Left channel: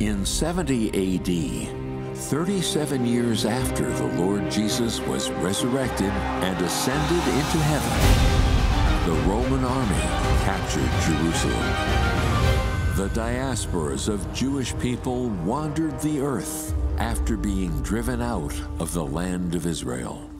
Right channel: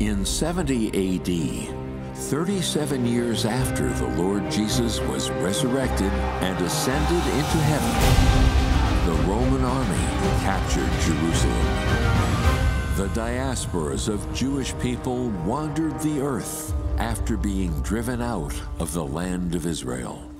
In 70 AD, 37 years after the Lord Jesus was resurrected and ascended into heaven, the Roman army captured Jerusalem. The diasporas of Jewish people wandered the earth after being driven out of the land of Israel.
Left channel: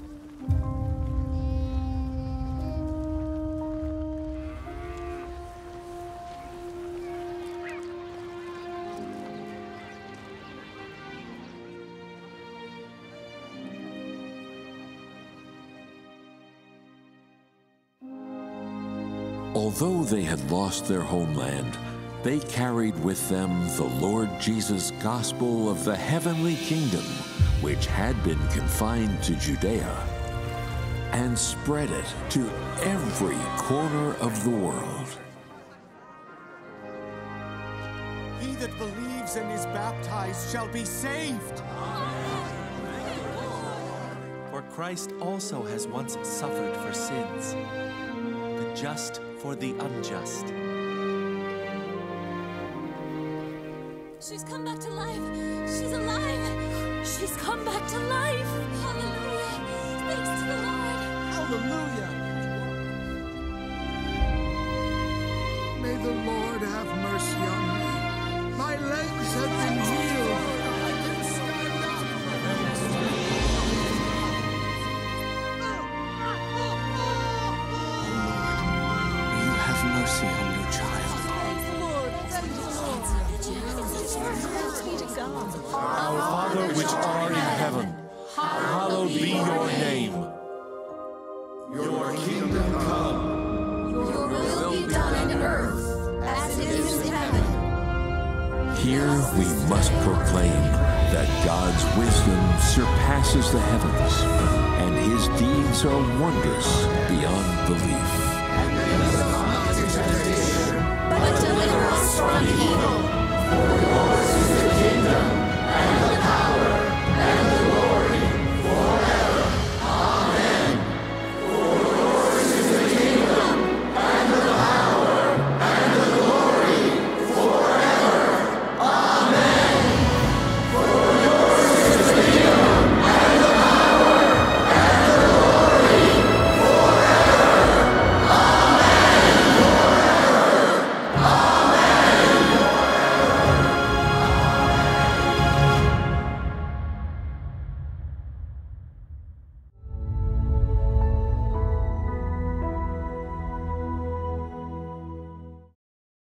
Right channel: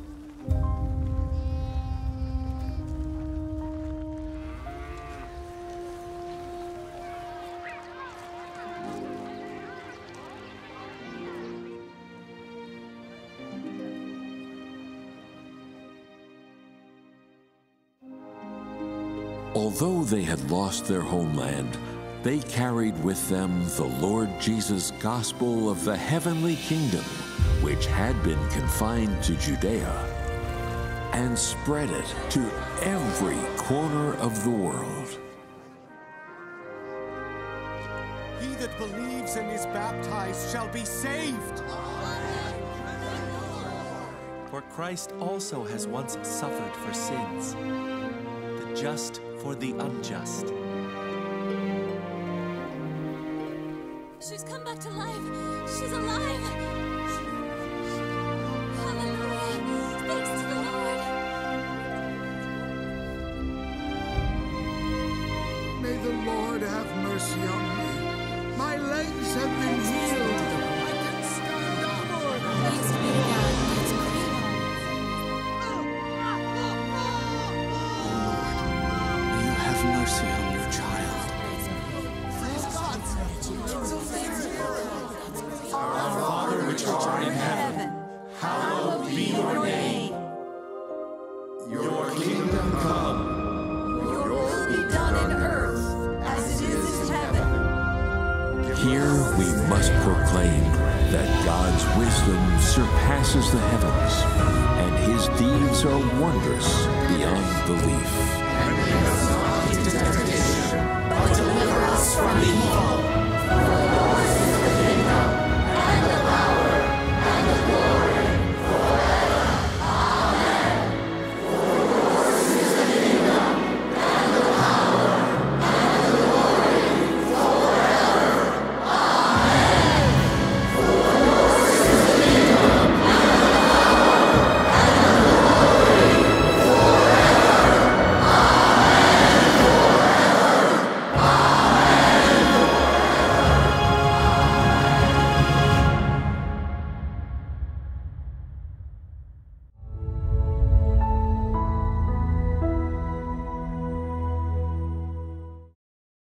Although they had lost their homeland, they carried with them the Lord Jesus' gospel of the heavenly kingdom, which had been confined to Judea, and spread it to every corner of the world. He that believes and is baptized shall be saved. For Christ also has once suffered for sins, the just for the unjust. She's come back to life. She's alive. She's come back to life. Hallelujah. Thanks to the Lord. Hallelujah. May the Lord have mercy on me. My legs have been healed. I can stand up. Oh Lord, may you have mercy on your child. Our Father which art in heaven, hallowed be your name. Your kingdom come. Your will be done in earth as it is in heaven. Here we must proclaim that God's wisdom surpasses the heavens, and his deeds are wondrous beyond belief. But deliver us from evil.